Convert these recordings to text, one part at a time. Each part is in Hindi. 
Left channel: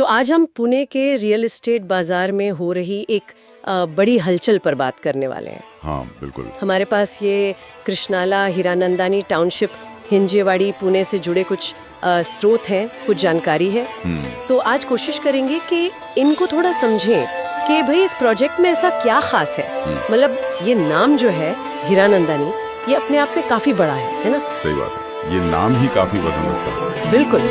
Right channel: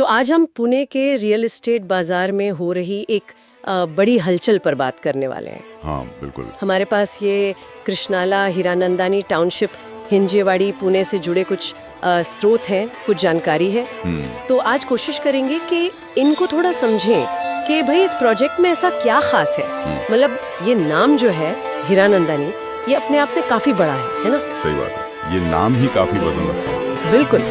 तो आज हम पुणे के रियल एस्टेट बाजार में हो रही एक बड़ी हलचल पर बात करने वाले हैं। हाँ बिल्कुल। हमारे पास ये कृष्णाला हीरानंदानी टाउनशिप हिंजेवाड़ी पुणे से जुड़े कुछ स्रोत हैं, कुछ जानकारी है। तो आज कोशिश करेंगे कि इनको थोड़ा समझें कि भाई इस प्रोजेक्ट में ऐसा क्या खास है। मतलब ये नाम जो है हीरानंदानी, ये अपने आप में काफी बड़ा है ना? सही बात है, ये नाम ही काफी वजन रखता है। बिल्कुल।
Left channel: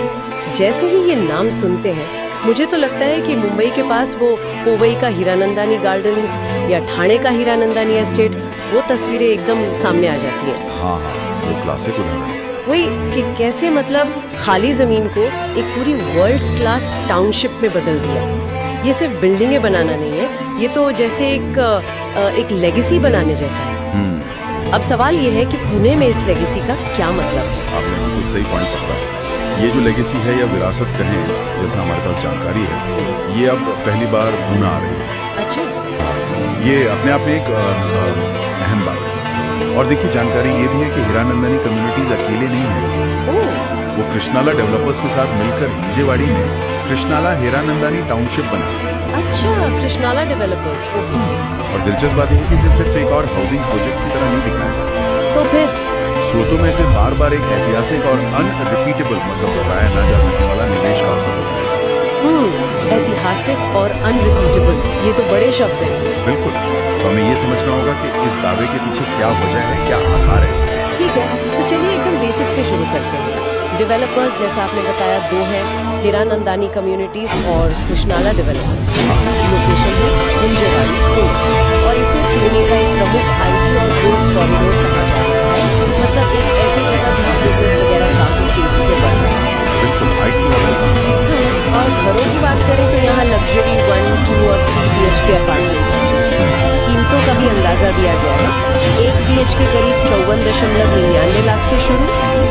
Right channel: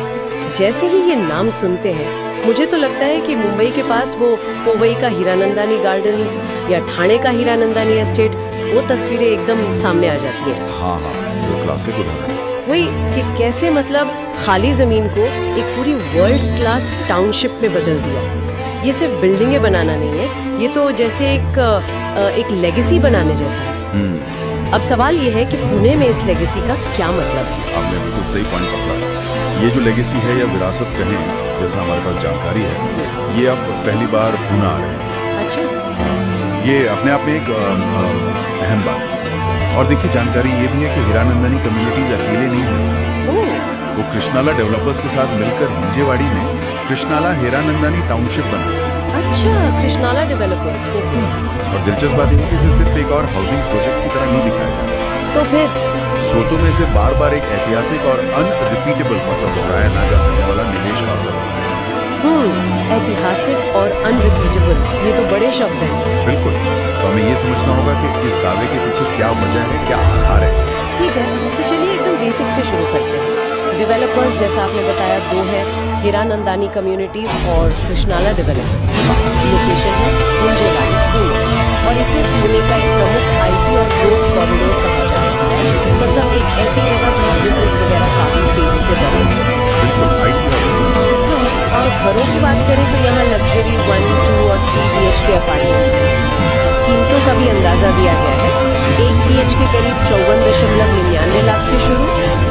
जैसे ही ये नाम सुनते हैं मुझे तो लगता है कि मुंबई के पास वो पोवई का हीरानंदानी गार्डन्स या ठाणे का हीरानंदानी एस्टेट, वो तस्वीरें एकदम सामने आ जाती हैं। हाँ, वो क्लासिक उदाहरण है। वही कि कैसे मतलब खाली जमीन को एक पूरी वर्ल्ड क्लास टाउनशिप में बदल दिया। ये सिर्फ बिल्डिंगें बनाना नहीं है, ये तो जैसे एक लेगेसी बनाने जैसा है। अब सवाल ये है कि पुणे में इस लेगेसी का क्या मतलब है? आपने बिल्कुल सही पॉइंट पकड़ा। ये जो लेगेसी है या विरासत कहें, जैसा हमारे पास जानकारी है, ये अब पहली बार पुणे आ रही है। अच्छा। हाँ, ये अपने आप में एक अहम बात है। और देखिए, जानकारी ये भी है कि हीरानंदानी कम्युनिटीज अकेले नहीं है इसमें। वो कृष्णाला डेवलपर्स के साथ मिलकर हिंजेवाड़ी में कृष्णाला हीरानंदानी टाउनशिप बना रहे हैं। अच्छा, कृष्णाला डेवलपर्स। ओके। और दिलचस्प बात यह है कि इसे सिर्फ एक और हाउसिंग प्रोजेक्ट की तरह नहीं दिखाया जा रहा। तो फिर स्रोतों में से बार बार एक ऐतिहासिक और अनरिपीटेबल, मतलब दोहराया ना जा सकने वाला निवेश का अवसर बताया जाता है। ऐतिहासिक और अनरिपीटेबल, ये तो बड़े शब्द हैं। बिल्कुल। तो हमें ये समझना होगा कि इस दावे के पीछे क्या वजह है, क्या आधार है इसका। ठीक है, तो चलिए एकदम बेसिक से शुरू करते हैं। डेवलपर्स जैसा आपने बताया दो है, हीरानंदानी कम्युनिटीज और कृष्णाला डेवलपर्स। लोकेशन है हिंजेवाड़ी पुणे, और इसे पुणे का एक प्रमुख आईटी और ग्रोथ कॉरिडोर कहा जा रहा है। मतलब एक ऐसी जगह जहाँ बिजनेस वगैरह काफी तेजी से बढ़ रहा है। बिल्कुल, आईटी हब। और घरों की बात करें तो यहाँ लग्जरी 1, 2 और 3 BHK अपार्टमेंट्स हैं। कीमतों का भी अंदाजा दिया गया है। 1 BHK करीब 54.99 लाख से शुरू,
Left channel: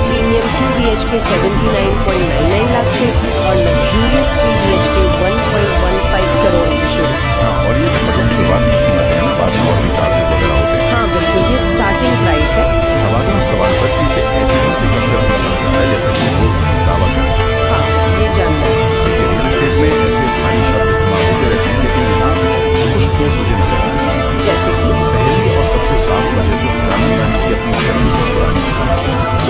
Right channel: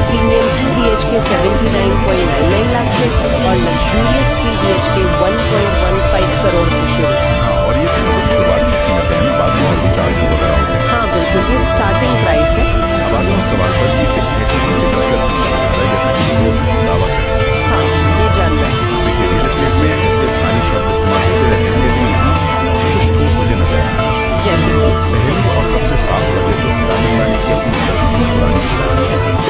प्रीमियम 2 BHK 79.99 लाख से, और लग्जूरियस 3 BHK 1.15 करोड़ से शुरू। हाँ, और ये मतलब शुरुआती कीमत है ना, बाद में और भी चार्जेस वगैरह होते हैं। हाँ बिल्कुल, ये स्टार्टिंग प्राइस है। अब आगे उस सवाल पर कि इसे ऐतिहासिक अवसर क्यों कहा जाता है, जैसा कि स्रोत दावा करते हैं। हाँ, ये जानना है। देखिए, रियल एस्टेट में ऐसे भारी शब्द इस्तेमाल होते रहते हैं, लेकिन यहाँ कुछ ठोस वजह नजर आ रही है। जैसे कि पहली और सबसे साफ वजह तो हीरानंदानी की अपनी दर्शकों पुरानी साख,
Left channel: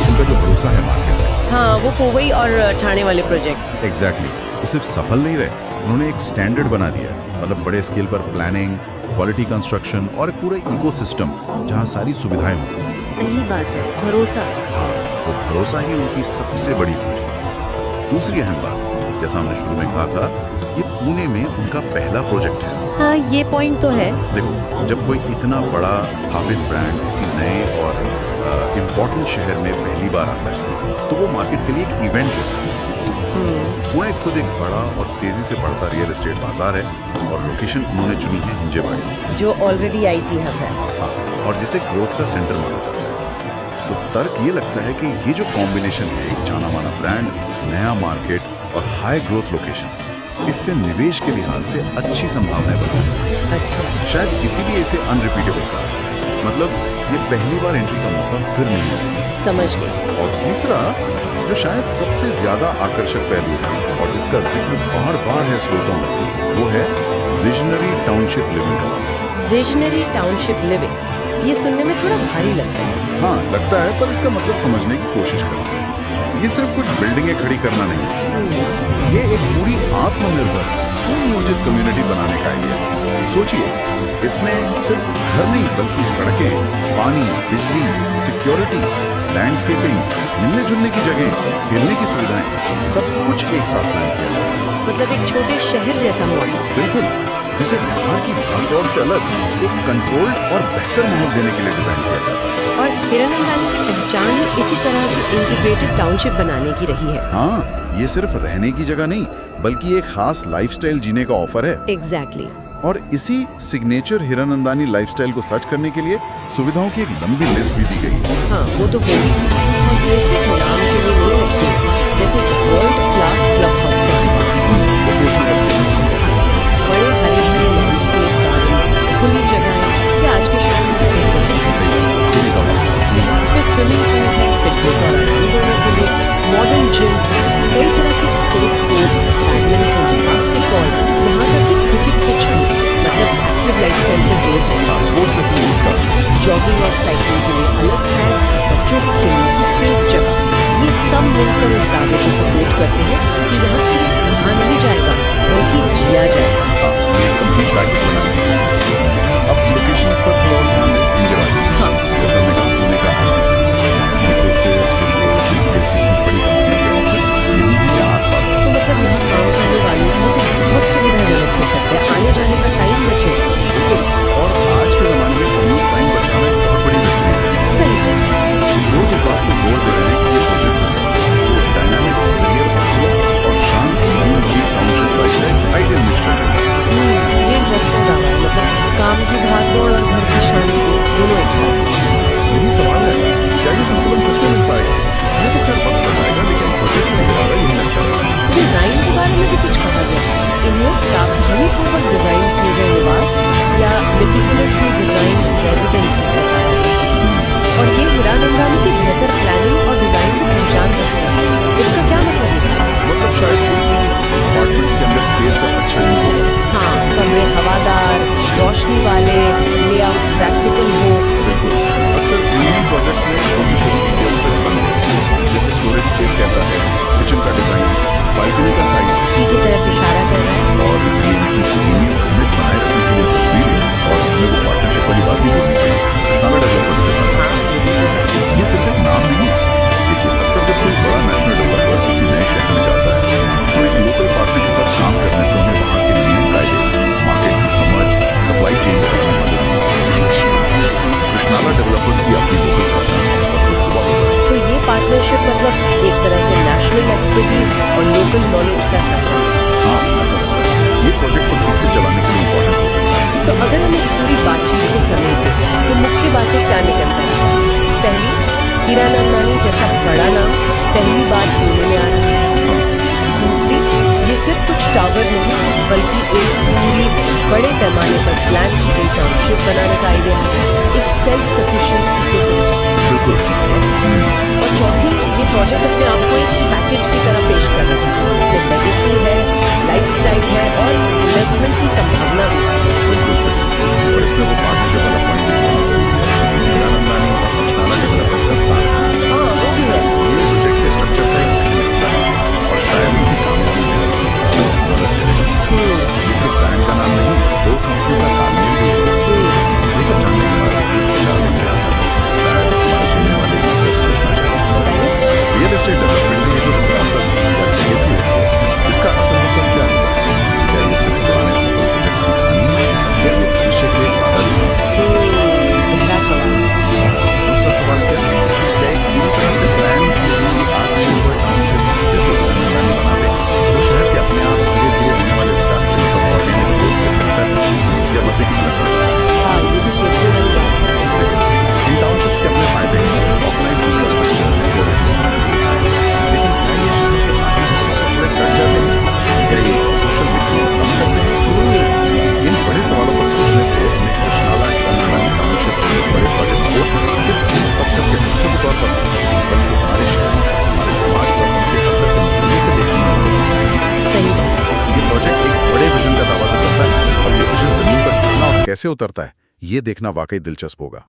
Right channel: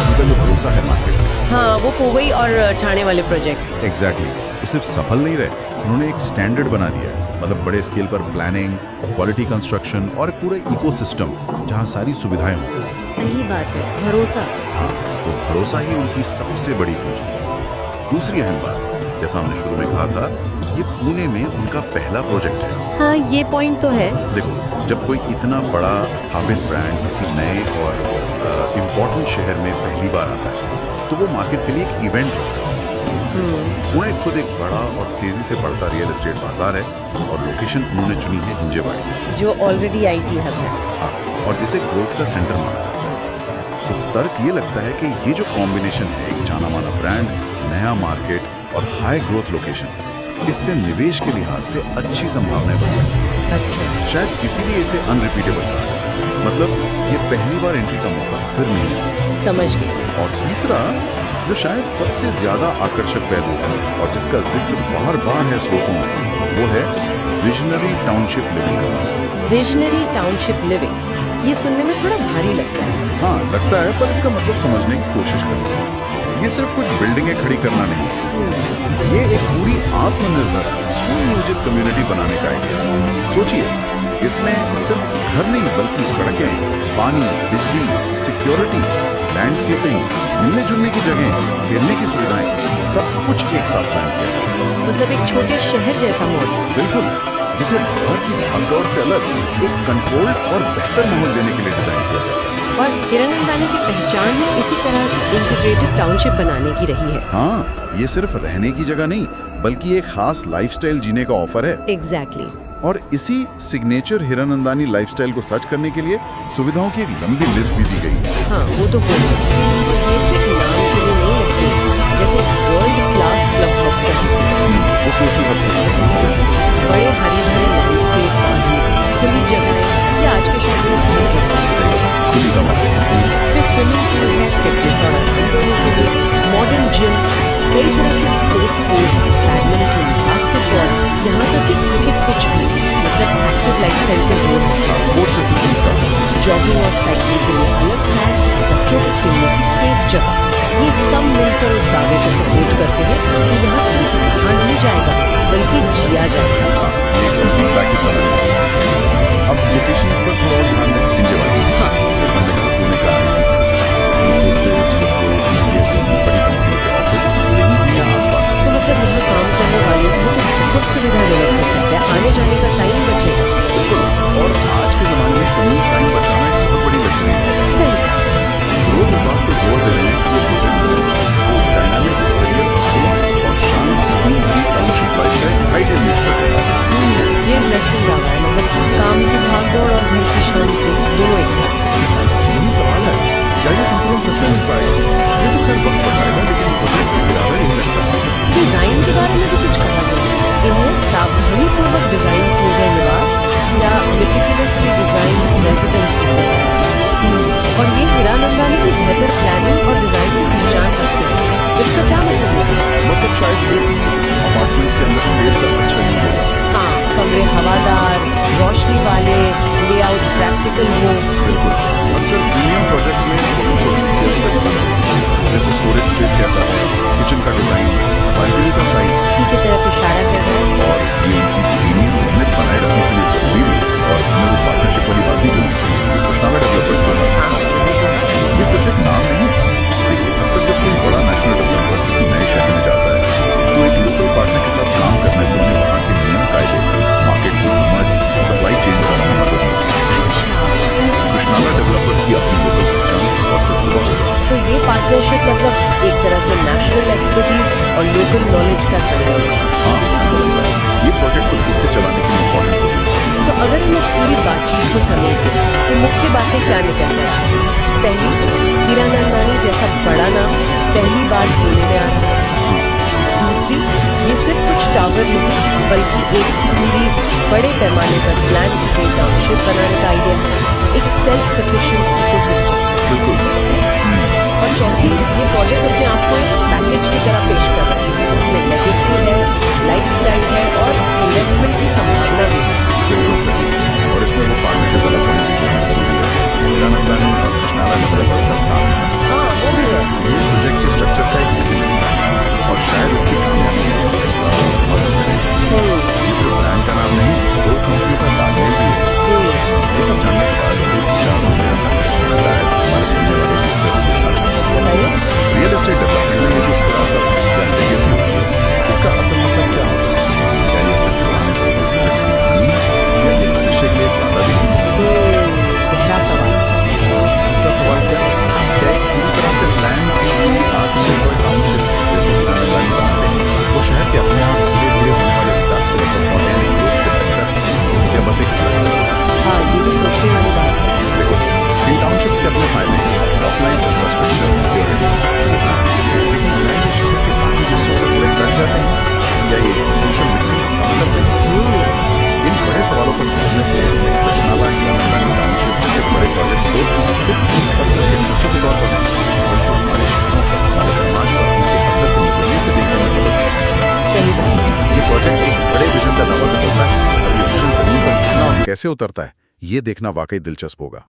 उनका जो भरोसा है मार्केट में। हाँ, वो पोवई और ठाणे वाले प्रोजेक्ट्स। एग्जैक्टली। वो सिर्फ सफल नहीं रहे, उन्होंने एक स्टैंडर्ड बना दिया है। मतलब बड़े स्केल पर प्लानिंग, क्वालिटी कंस्ट्रक्शन और एक पूरा इकोसिस्टम जहाँ सारी सुविधाएं हों। सही बात है, भरोसा। हाँ, वो भरोसा ही उनकी सबसे बड़ी पूंजी है। दूसरी अहम बात, जैसा हमने शुरू में कहा था, ये पुणे में उनका पहला प्रोजेक्ट है। हाँ, ये पॉइंट तो है। देखो, जब कोई इतना बड़ा स्थापित ब्रांड किसी नए और इम्पोर्टेंट शहर में पहली बार आता है, तो वो मार्केट के लिए एक इवेंट होता है। पुणे खुद एक बड़ा और तेजी से बढ़ता रियल एस्टेट बाजार है, और लोकेशन उन्होंने चुनी है हिंजेवाड़ी, जो ऑलरेडी आईटी हब है। हाँ, और जिसे ग्रोथ का सेंटर माना जाता है। तो तर्क ये लगता है कि ये जो कॉम्बिनेशन है, एक जाना माना ब्रांड, नया मार्केट और हाई ग्रोथ लोकेशन, इससे निवेश के लिहाज से अच्छी संभावनाएं बन सकती है। अच्छा। शायद इसीलिए इसे अनरिपीटेबल कहा जाता है। मतलब ये पहली बार एंट्री का मौका फिर नहीं है। समझ गई। और तीसरा, जो शायद सबसे ज्यादा आकर्षक पहलू है और जिसका जिक्र बार बार है स्रोतों में, वो है विजनरी टाउनशिप लिविंग का। विजनरी टाउनशिप लिविंग, ये सुनने में थोड़ा भारी लगता है। हाँ, लगता है, पर इसका मतलब समझने की कोशिश करते हैं। ये सिर्फ कुछ बिल्डिंगें खड़ी करना नहीं है, ये एक पूरी आत्मनिर्भर सुनियोजित कम्युनिटी बनाने का आइडिया है। सोचिए, इसमें सिर्फ घर नहीं बल्कि सड़कें, पानी, बिजली, सिक्योरिटी, लैंडस्केपिंग, मिलने जुलने की जगह, खेलने की सुविधाएं, सब कुछ एक साथ प्लान किया गया है। मतलब एक छोटे शहर जैसा मॉडल। बिल्कुल, जिसे बाहर की भागदौड़ से अलग एक कंट्रोल्ड और बेहतर माहौल देने के लिए डिजाइन किया जाता है। और हीरानंदानी की पहचान ही इसी तरह की इंटीग्रेटेड टाउनशिप बनाने की रही है। हाँ, ये सिर्फ रहने की जगह नहीं बल्कि एक खास लाइफस्टाइल जीने का ऑफर है। एग्जैक्टली। और इसी सिग्नेचर हीरानंदानी लाइफस्टाइल को सच करने के लिए सुविधाओं की एक लंबी लिस्ट भी दी गई है। हाँ, वो तो होगी। और ये सिर्फ नाम के लिए नहीं लगती, जैसे वर्ल्ड क्लास क्लब हाउस कैसे वो सोशल हब की तरह। बड़े हरे भरे लैंडस्केप, गार्डन, खुली जगहें, ये आज के शहर में बहुत जरूरी है। खुली हवा, सुकून। पे स्विमिंग पूल है, फिटनेस और आराम दोनों के लिए, मॉडर्न जिम, कई तरह के स्पोर्ट्स कोर्ट, बैडमिंटन, बास्केटबॉल, यहाँ तक कि क्रिकेट पिच भी, मतलब एक्टिव लाइफस्टाइल पे जोर है। हाँ, स्पोर्ट्स फैसिलिटीज का जॉगिंग और साइकिलिंग के लिए अलग ट्रैक और बच्चों के खेलने की सेफ जगह, ये सब मिलकर उस दावे को सपोर्ट करते हैं कि यहाँ सिर्फ रहा नहीं जाएगा बल्कि जिया जाएगा। हाँ, ये कंप्लीट पैकेज बनाने के लिए। अब लोकेशन पर थोड़ा और ध्यान दें, हिंजेवादी। हाँ। जैसे हमने कहा, पुणे का IT centre, Infosys, Wipro, TCS जैसी बड़ी कंपनियों के ऑफिस यही है या आसपास है। तो मतलब यहाँ काम करने वालों को तो बहुत सुविधाजनक हो सकता है, आने जाने का टाइम बचेगा। बिल्कुल, और आज के ज़माने में कम्यूट टाइम बचाना एक बहुत बड़ी लग्जरी है। सही कहा। स्रोत इस बात पर जोर दे रहे हैं कि ये प्रोजेक्ट जो है वो डायनामिक करियर अवसरों और शांत सुकून भरी टाउनशिप लाइफ का एक आइडियल मिक्सचर देता है। ये इंटरेस्टिंग दावा है, मतलब काम की भागदौड़ और घर की शांति दोनों एक साथ। यही सवाल है, क्या ये संतुलन सच में मिल पाएगा? ये तो खैर वक्त बताएगा, लेकिन प्रोजेक्ट का इरादा यही लगता है। डिजाइन के बारे में भी कुछ कहा गया, इन्हें सावधानी पूर्वक डिजाइन किए गए निवास या मेटिकुलसली डिजाइन रेजिडेंसीज बताया गया। और ये हीरानंदानी की बेहतर प्लानिंग और डिजाइन की पहचान रखते हैं। इसका क्या मतलब है? मतलब शायद ये कि अपार्टमेंट्स के अंदर स्पेस का अच्छा यूज होगा। हाँ, कमरे हवादार, रोशनी वाले, लेआउट प्रैक्टिकल हो। बिल्कुल, अक्सर प्रीमियम प्रोजेक्ट्स में छोटी छोटी डिटेल्स पर ध्यान देते हैं, जैसे स्टोरेज स्पेस कैसा है, किचन का डिजाइन, बालकनी का साइज। की तरफ इशारा कर रहा है। और ये उनकी प्रीमियम इमेज बनाए रखने के लिए जरूरी भी है। और हमें वो पार्टनरशिप वाली बात भी बोलनी चाहिए कृष्णाला डेवलपर्स के साथ। हाँ, वो भी तो है। ये सिर्फ एक नाम नहीं है। देखिए, अक्सर जब कोई बड़ा नेशनल डेवलपर किसी नए शहर में जाता है तो एक लोकल पार्टनर के साथ काम करने से उन्हें वहाँ के नियम कायदे, मार्केट की समझ, सप्लाई चेन वगैरह में मदद मिलती है। अच्छा, कृष्णाला डेवलपर्स की अपनी लोकल पहचान और तजुर्बा होगा। तो ये पार्टनरशिप मतलब एक तरह से नेशनल एक्सपर्टीज और लोकल नॉलेज का संगम है। हाँ, ऐसा लगता है। ये प्रोजेक्ट को ठीक से चलाने के लिए इम्पोर्टेंट हो सकता है। तो अगर हम इस पूरी बातचीत को समेटें तो मुख्य बातें क्या निकल कर आ रही? पहली, हीरानंदानी जैसा बड़ा नाम पहली बार पुणे में आ रहा है। हाँ, दूसरी, ये सिर्फ कुछ टावर नहीं बल्कि एक पूरी बड़े पैमाने पर प्लान की गई टाउनशिप बनाने का आइडिया है, एक सेल्फ सफिशिएंट इकोसिस्टम। बिल्कुल। और चौथी, ये प्रोजेक्ट अपने आप को एक पैकेज की तरह पेश कर रहा है। इसमें लेगेसी है, लाइफस्टाइल है और इन्वेस्टमेंट की संभावना भी है। बिल्कुल सही। और इसमें वो पार्टनरशिप वाला पॉइंट भी जोड़ना जरूरी है, हीरानंदानी और कृष्णाला डेवलपर्स का साथ। हाँ, वो भी है। ये प्रोजेक्ट के स्ट्रक्चर का एक अहम हिस्सा है और शायद इसकी कामयाबी में मदद करेगा। ये सिर्फ ब्रांड का नाम नहीं, दो कंपनियों का तालमेल भी है। ये सब जानने के बाद एक विचार मन में आता है, शायद हमारे सुनने वाले भी इस पर सोचना चाहिए। बताइए। रियल एस्टेट डेवलपमेंट में ये जो विरासत या लेगेसी होती है, इसका असल मतलब क्या होता है? क्या ये सिर्फ पुराने सफल प्रोजेक्ट्स की कहानी है या ये भविष्य के लिए एक वादा भी है? पहला सवाल। और दूसरा सवाल क्या एक पूरी तरह से प्लान की हुई आत्मनिर्भर टाउनशिप जैसे हीरानंदानी बनाते हैं वो शहर के अपने आप धीरे धीरे होने वाले विकास से मतलब ऑर्गेनिक ग्रोथ से बेहतर है या बस एक अलग तरीका है? हाँ, ये भी सोचने वाली बात है। देखो, इन टाउनशिप्स के अपने फायदे हैं, ऑर्गेनाइज्ड इंफ्रास्ट्रक्चर, सिक्योरिटी, सुविधाएं। लेकिन क्या ये शहर के बाकी हिस्सों से थोड़े कट जाते हैं या ये सोशल मिक्सिंग को कम करते हैं? इन बड़े सवालों पर सोचने से हमें कृष्णाला हीरानंदानी टाउनशिप जैसे बड़े प्रोजेक्ट्स को सिर्फ ईंट पत्थर के ढांचों के तौर पर नहीं, बल्कि हमारे शहरों पर, हमारे समाज पर उनके असर के नजरिए से देखने में मदद मिल सकती है। सही बात है। ये प्रोजेक्ट एक बड़े विजन का दावा तो करता है, अब ये विजन जमीन पर कितना और कैसे उतरता है, ये देखना वाकई दिलचस्प होगा।